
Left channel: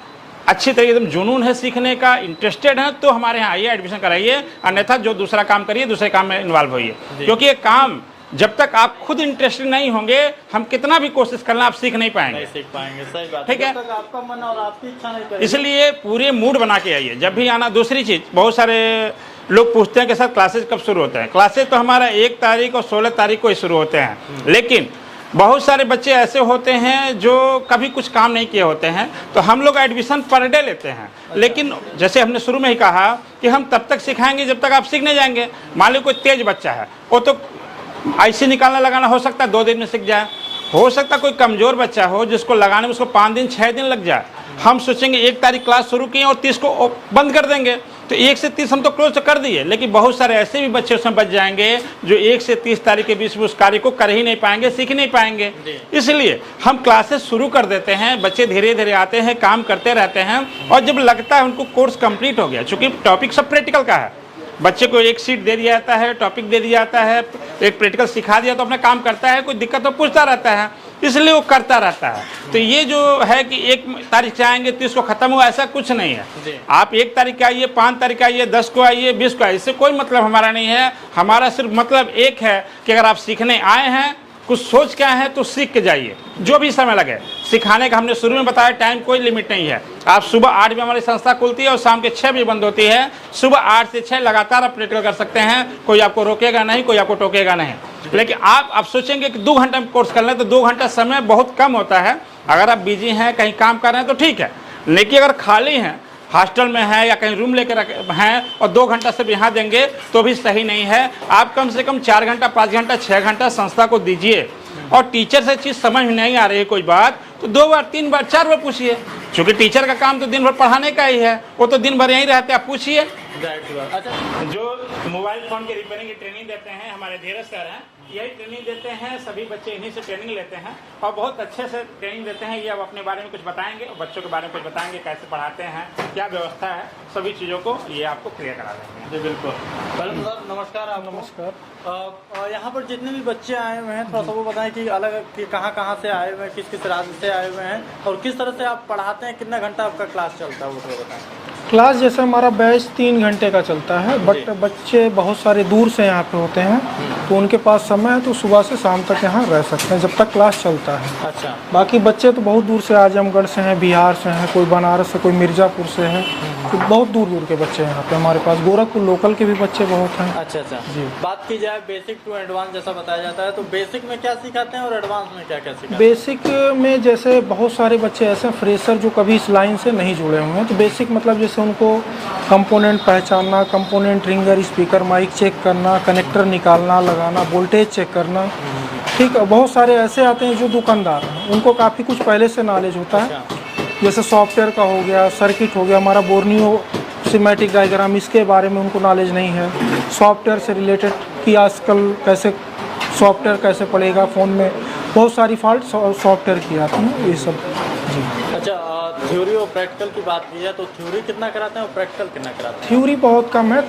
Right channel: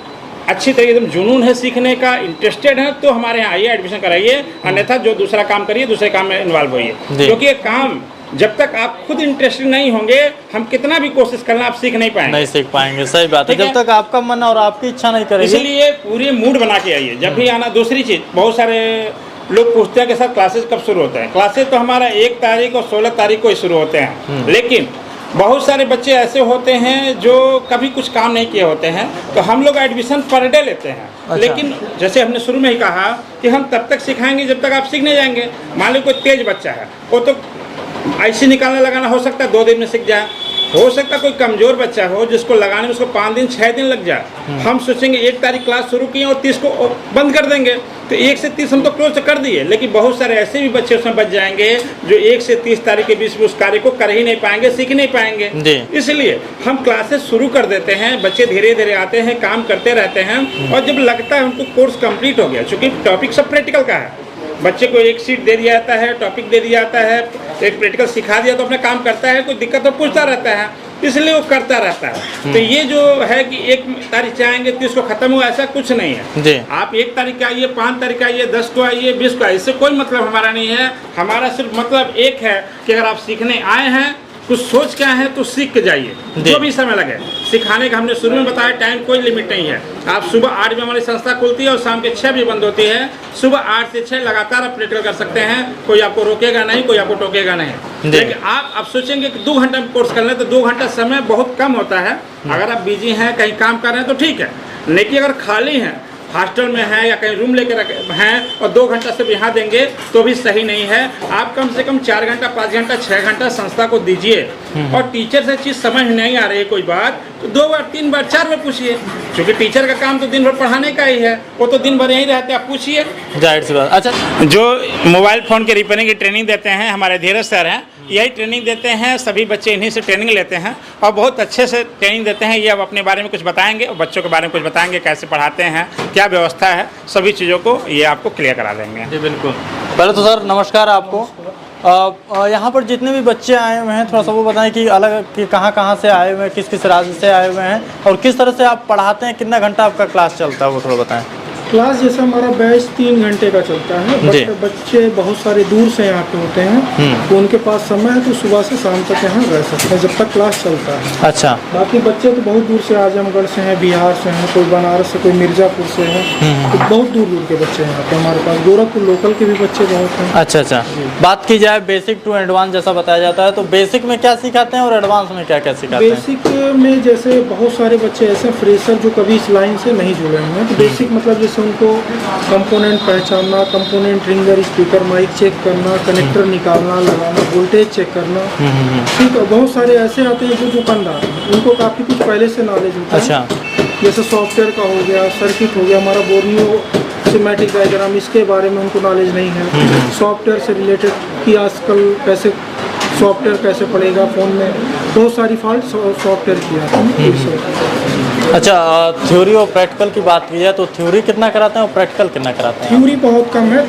अच्छी तरीके से जुनून है सीखने का, इंटरेस्टेड है, तो हमारे यहाँ आइए, एडमिशन कराइए। अन्यथा जो दूसरा काम करिए, दूसरे काम में इन्वॉल्व होइए। क्योंकि ये काम जब तक आप खुद इंटरेस्टेड नहीं होंगे, हम कितना भी कोशिश करना, आप सीख नहीं पाएंगे। नहीं सीख पाएंगे, सही बात है। जब तक आपका मन और आपकी इच्छा नहीं करेगी। इसलिए पूरे मूड बना के आइए जब भी आना। दूसरी चीज, बहुत सारे लोग पूछते हैं कि सर क्लासेस कब शुरू होता है? क्लासेस तो हमारा 1 तारीख और 16 तारीख को ही शुरू होते हैं। लेकिन बहुत सारे बच्चे ऐसे होते हैं जो कभी कुछ काम नहीं किए होते हैं, तो हम लोग एडमिशन पर डे लेते हैं। अच्छा। लेकिन जैसे हमने शुरू में ही कहा कि हम तब तक सिखाएंगे जब तक आप सीख नहीं जाएंगे। मान लो कोई तेज बच्चा है, वो तो आईसी निकालने लगाना हो सकता है 2 दिन में सीख जाए। हो सकता है कोई कमजोर बच्चा हो जिसको लगाने में उसको 5 दिन 6 दिन लग जाए। हम सोचेंगे 1 तारीख क्लास शुरू किए और 30 को बंद कर देंगे, तो 1 से 30 हम तो क्लोज कर दिए। लेकिन बहुत सारे ऐसे भी बच्चे उसमें बच जाएंगे जो 1 से 30 तारीख के बीच में उस कार्य को कर ही नहीं पाएंगे, सीख नहीं पाएंगे। इसलिए हम क्लासेस शुरू कर देते हैं, बच्चे धीरे धीरे आते हैं, काम करते रहते हैं, और जब लगता है उनको कोर्स कंप्लीट हो गया, चूँकि टॉपिक सब प्रैक्टिकल का है, बच्चे को एक शीट दे दिया जाता है, टॉपिक दे दिया जाता है, एक प्रैक्टिकल सिखा दिया तो अपना काम करता है, कोई दिक्कत तो पूछता रहता है, इसलिए वो करता रहता है। तो ये जो है कि 1 तारीख से आएंगे 30 को खत्म हुआ, ऐसा कुछ नहीं है। आप 1 तारीख आइए, 5 तारीख आइए, 10 को आइए, 20 को आइए, इससे कोई मतलब हमारा नहीं है। हमारा सिर्फ मतलब एक है कि अगर आप सीखने आए हैं, कुछ सोच के आए हैं, तो सीख के जाइए, जो भी समय लगे। सिखाने का हमने शुरू में बताया, टाइम कोई लिमिट नहीं है। आप सुबह 8 बजे हमारी संस्था खुलती है और शाम के 6 बजे बंद होती है। सुबह 8 से 6 लगातार आप प्रैक्टिकल कर सकते हैं, कोई आपको रोकेगा नहीं, कोई आपको टोकेगा नहीं। लेकिन आप सोचेंगे कि 2 घंटे में कोर्स कर लें, तो 2 घंटा समय बहुत कम होता है। अगर आप बिजी हैं, कहीं काम कर रहे हैं तो ठीक है, लेकिन अगर खाली हैं, हॉस्टल में है या कहीं रूम लेकर हैं और 2 घंटा सिर्फ यहाँ देंगे तो भी सही नहीं है। आप कम से कम 4 घंटा, 5 घंटा, 6 घंटा संस्था को दीजिए। और टीचर से चीज़ समझ नहीं आ रही है कोई बात, तो 2 बार, 3 बार, 4 बार पूछिए, क्योंकि टीचर का काम तो दिन भर पढ़ाने का ही है, वो तो दिन भर यहीं रहते हैं, आप पूछिए। जाहिर सी बात। अच्छा, जो मोबाइल फ़ोन के रिपेयरिंग की ट्रेनिंग देते हैं हमारे धीरज सर हैं, यही ट्रेनिंग देते हैं, सभी बच्चे इन्हीं से ट्रेनिंग लेते हैं और बहुत अच्छे से ट्रेनिंग देते हैं। ये अब अपने बारे में कुछ बताएंगे और बच्चों के बारे में कुछ बताएंगे, कैसे पढ़ाते हैं, क्या व्यवस्था है, सभी चीज़ों को ये आपको क्लियर करा देंगे। जी बिल्कुल। पहले तो सर नमस्कार आपको। यहाँ पर जितने भी बच्चे आए हुए हैं, थोड़ा सा वो बताएं कि अलग कि कहाँ से आए हुए हैं, किस किस राज्य से आए हुए हैं और किस तरह से आप पढ़ाते हैं, कितना घंटा आपका क्लास चलता है, वो थोड़ा बताएं। क्लास जैसे हमारा बैच 3 घंटे का चलता है, बट बच्चे बहुत सारे दूर से यहाँ पे होते हैं, तो उनके पास समय है तो सुबह से शाम तक यहाँ रह सकते हैं जब तक क्लास चलता है। अच्छा। बाकी बच्चे तो बहुत दूर से, आजमगढ़ से हैं, बिहार से हैं, कोई बनारस से, कोई मिर्ज़ापुर से है, तो बहुत दूर दूर के बच्चे हैं यहाँ पे हमारे पास। गोरखपुर लोकल के भी बच्चे बहुत हैं। अच्छा अच्छा। बात की जाए बेसिक टू एडवांस जैसा बताया जाता है, तो बेसिक में क्या सिखाते हैं और एडवांस में क्या क्या सिखाते हैं? बेसिक में जैसे बहुत सारे बच्चे ऐसे फ्रेशर जो कभी इस लाइन से नहीं जुड़े हैं, तो बेसिक मतलब जैसे जैसे उनको कंपोनेंट पहचानना, component ringer, speaker, mic check करना, कनेक्टर निकालना लगाना, वोल्टेज चेक करना। ठीक है, बहुत सारे ऐसे आते हैं जो दुकानदार हैं, उनको काफ़ी कुछ पहले से नॉलेज होता है। अच्छा। जैसे सॉफ्टवेयर का हो गया, सर्किट हो गया, हमारा बोर्नियो सिमेटिक डायग्राम, इसके बारे में उनको नॉलेज नहीं है। सॉफ्टवेयर से रिलेटेड कि आजकल कैसे सॉफ्टवेयर कैसे पड़ेगा फ़ोन में, बहुत सारी फॉल्ट सॉफ्टवेयर की आती है, ये सब। अच्छा, थ्योरी और प्रैक्टिकल की बात की जाए तो थ्योरी कितना कराते हैं और प्रैक्टिकल कितना कराते हैं? थ्योरी बहुत कम है।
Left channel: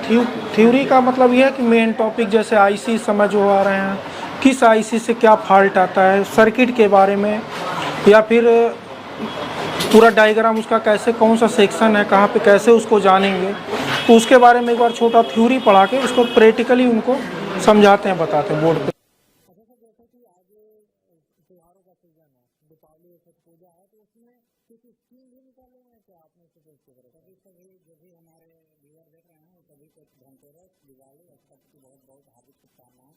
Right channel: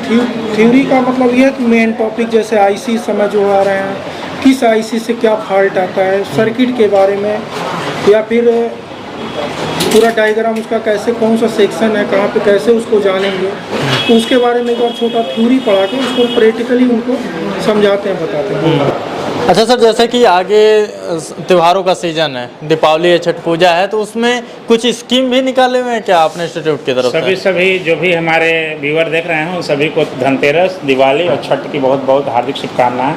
थ्योरी का मतलब यह है कि मेन टॉपिक जैसे आईसी समझ हो आ रहे हैं, किस आईसी से क्या फॉल्ट आता है, सर्किट के बारे में, या फिर पूरा डायग्राम उसका कैसे, कौन सा सेक्शन है, कहाँ पे कैसे उसको जानेंगे, तो उसके बारे में एक बार छोटा थ्योरी पढ़ा के उसको प्रैक्टिकली उनको समझाते हैं, बताते हैं। अच्छा सर, जैसे कि आगे त्योहारों का सीजन है, दीपावली है, छठ पूजा है, तो उसमें कुछ स्कीम भी निकाले हुए हैं क्या आपने इंस्टीट्यूट की तरफ से? सभी जो भी हमारे व्यूअर देख रहे हैं उन सभी को धनतेरस, दिवाली और छठ की बहुत बहुत हार्दिक शुभकामनाएं।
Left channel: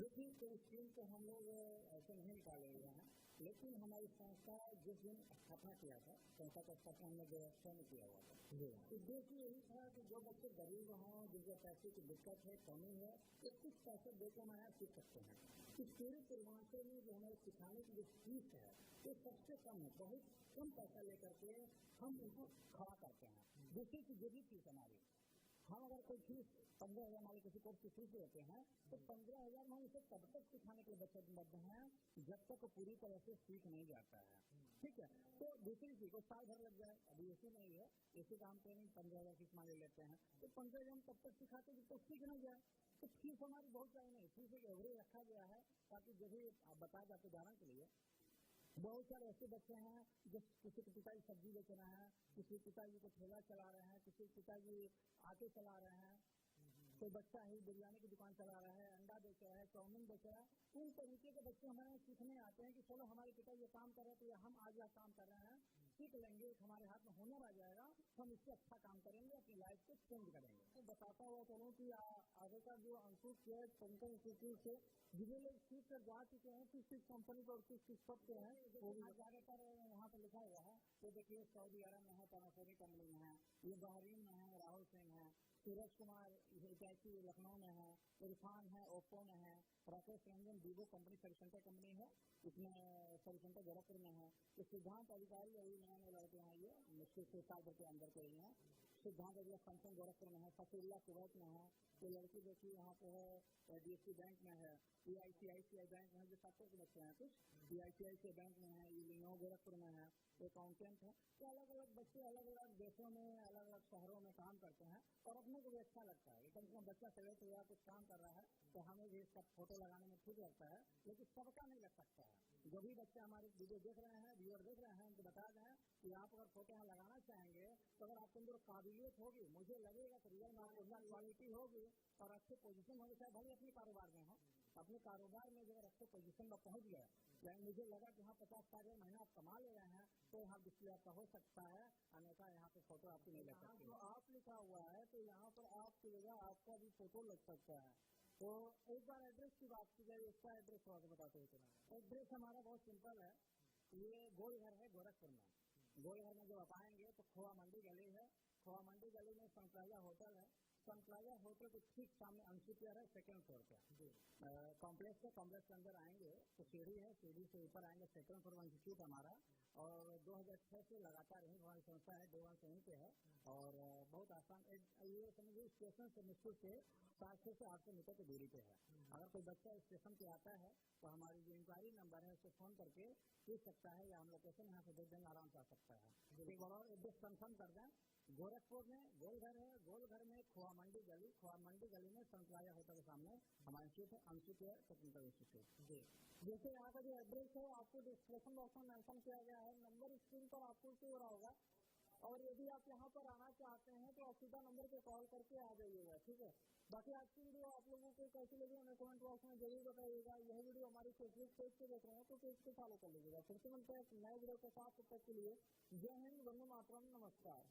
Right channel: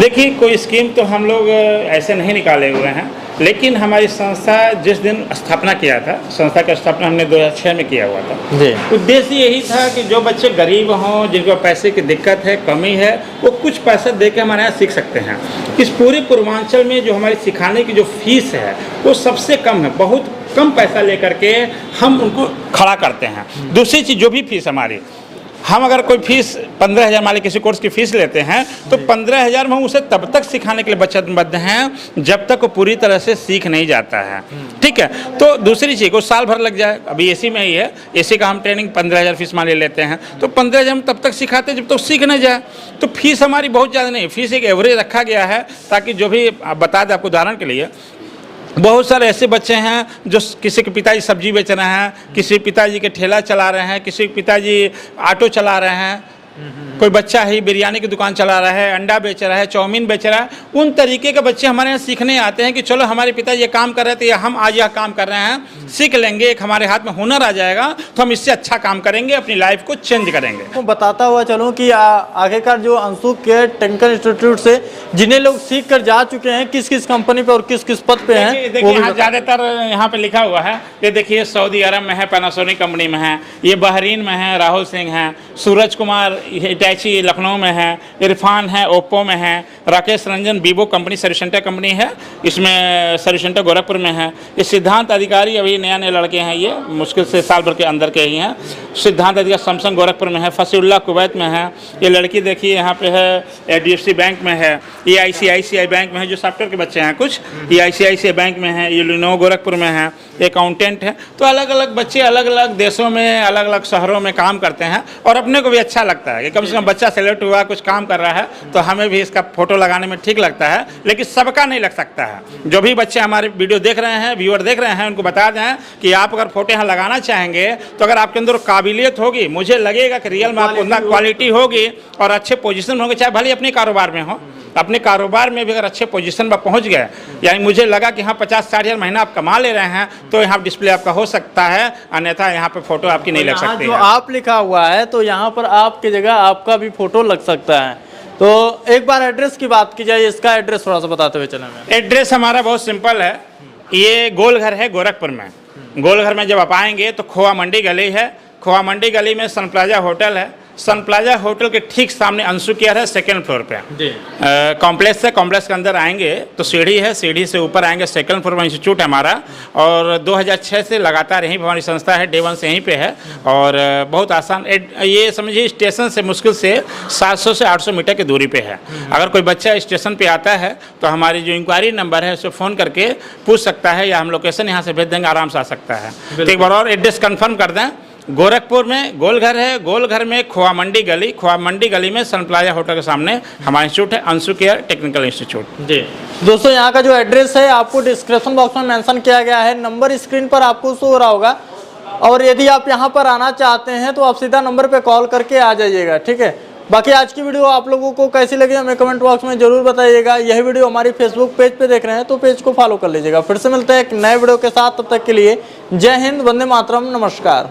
देखिए, कोई स्कीम तो हम लोग ऐसे नहीं निकाले हुए हैं, लेकिन हमारी संस्था जिस दिन स्थापना किया था, संस्था का स्थापना हमने 2006 में किया हुआ था जी। उद्देश्य यही था कि जो बच्चे गरीब हों, जिनको पैसे की दिक्कत है, कमी है, वो कुछ पैसा दे के हमारे यहाँ सीख सकते हैं। इस पूरे पूर्वांचल में जो हमारी सिखाने की जो फीस है वो सबसे कम है, बहुत कम पैसा लेकर के हम उनको खड़ा करते हैं। दूसरी चीज़, जो भी फीस हमारी, हम अगर कोई फीस 15,000 मान लीजिए किसी कोर्स की फीस लेते हैं तो 15,000 में हम उसे तब तक सिखाने के लिए वचनबद्ध हैं जब तक वो पूरी तरह से सीख नहीं जाता है। ठीक है, तो दूसरी चीज़ को साल भर लग जाए, अभी एसी में ही है, एसी का हम ट्रेनिंग 15,000 फीस मान लेते हैं, तो 15,000 हम तब तक सिखाते हैं जब तक सीख नहीं जाए। तो फीस हमारी बहुत ज़्यादा नहीं, फीस एक एवरेज रखा गया है ताकि जो भी बता दें आपको उदाहरण के लिए, बहुत सारे ऐसे बच्चे हैं जो किसी के पिताजी सब्जी बेच रहे हैं, किसी पिताजी के ठेला चला रहे हैं, किसी के पिताजी ऑटो चला रहे हैं, कोई बच्चा ही बिरयानी की दुकान चला रहा है, अंडा बेच रहा है, चाउमीन बेच रहा है। उन तरीके के बच्चे हमारे यहाँ सीखने आते हैं कि चलो हमारे पिता ये काम कर रहे थे या हम आज यह काम कर रहे हैं, सीख लेंगे, एक हमारे हाथ में हुनर आ जाएगा तो हम इससे अच्छा काम करेंगे, अपनी लाइफ को चेंज करेंगे। तो बताता हुआ चलूँ कि आखिरकार जो अंशु केयर टेक्निकल इंस्टीट्यूट से जिन्हें लोग सीख कर जा चुके हैं, किस किस कंपनी पे और किस किस पद पे हैं, देखिए यहाँ ज़्यादातर यहाँ पे लिखा हुआ है, ये देखिए सऊदी अरब में है, पैनासोनिक कंपनी में है, ये बहरीन में है, राहुल सिंह है, सूरज कुमार हिटैची लखनऊ में है, इरफान है ओप्पो में है, Rakesh Ranjan Vivo company service centre company है, इसमें सर्विस सेंटर गोरखपुर में है, ये सिद्धांत अधिकारी अभी नए नए लड़के हैं, ये मुश्किल से साल भर के अंदर के ही हैं, सिद्धांत अधिकारी सैमसंग गोरखपुर में है, फसीउल्लाह कुवैत में है, ये लड़की देखिए यहाँ पे है HDFC बैंक में है, ये ICICI बैंक में है, जो सॉफ्टवेयर के बच्चे हैं कुछ, ये ICICI बैंक में है, ये लिनोवो गोरखपुर में है, अकाउंटेंट है। तो अलग अलग बच्चे अलग अलग देशों में अलग अलग शहरों में काम करते हैं और अपने को भी अच्छा लगता है कि कम से कम बच्चा सेलेक्ट हुआ, कुछ काम कर रहा है, तो हमें भी इसका फोटो लगाने में ठीक लगता है, लेकिन सबका नहीं लग सकता है। जो भी बच्चे हमारे वीडियो देख रहे हैं, व्यूअर देख रहे हैं, उनको बता दें कि आप अगर फोटो यहाँ लगाना चाहेंगे तो अगर आपके अंदर काबिलियत होगी, मुझे लगेगा कि रियल में आपको उतना क्वालिटी होगी और अच्छे पोजीशन होंगे, चाहे भले अपने कारोबार में हो, अपने कारोबार में भी अगर अच्छे पोजीशन पर पहुंच गए, यानी मुझे लगा कि हाँ 50-60 हज़ार महीना आप कमा ले रहे हैं, तो यहाँ डिस्प्ले आपका हो सकता है, अन्यथा यहाँ पे फोटो आपकी नहीं लग सकती जो है। आप लिखा हुआ है तो यहाँ पर आपकी जगह आपका भी फोटो लग सकता है। तो एक बार एड्रेस की बात की जाए, इसका एड्रेस थोड़ा सा बताते हुए चलेंगे। एड्रेस हमारा बहुत सिंपल है, ये गोलघर है गोरखपुर में। गोलघर में जब आप आएंगे तो खोआ मंडी गली है, खोआ मंडी गली में सन प्लाजा होटल है, सन प्लाजा होटल के ठीक सामने अंशु केयर है, सेकंड फ्लोर पे कॉम्प्लेक्स है। कॉम्प्लेक्स के अंदर आएंगे तो सीढ़ी है, सीढ़ी से ऊपर आएंगे, सेकंड फ्लोर में इंस्टीट्यूट है हमारा, और 2006 से लगातार यहीं पर हमारी संस्था है, डे 1 से यहीं पे है, और बहुत आसान, ये समझिए स्टेशन से मुश्किल से 700 से 800 मीटर की दूरी पे है। अगर कोई बच्चा स्टेशन पे आता है तो हमारी जो इंक्वायरी नंबर है उससे फ़ोन करके पूछ सकता है, या हम लोकेशन यहाँ से भेज देंगे, आराम से आ सकता है। तो एक बार और एड्रेस कन्फर्म कर दें, गोरखपुर में गोलघर है, गोलघर में खोआ मंडी गली, खोआ मंडी गली में सन प्लाजा होटल के सामने हमारा इंस्टीट्यूट है, अंशु केयर टेक्निकल इंस्टीट्यूट। जी दोस्तों, यहाँ का जो एड्रेस है आपको डिस्क्रिप्शन बॉक्स में मेंशन किया गया है, नंबर स्क्रीन पर आपको शो हो रहा होगा, और यदि आप यहाँ पर आना चाहते हैं तो आप सीधा नंबर पर कॉल करके आ जाइएगा। ठीक है, बाकी आज की वीडियो आप लोगों को कैसी लगी हमें कमेंट बॉक्स में जरूर बताइएगा। यह वीडियो हमारी फेसबुक पेज पे देख रहे हैं तो पेज को फॉलो कर लीजिएगा। फिर से मिलते हैं एक नए वीडियो के साथ, तब तक के लिए जय हिंद, वंदे मातरम, नमस्कार।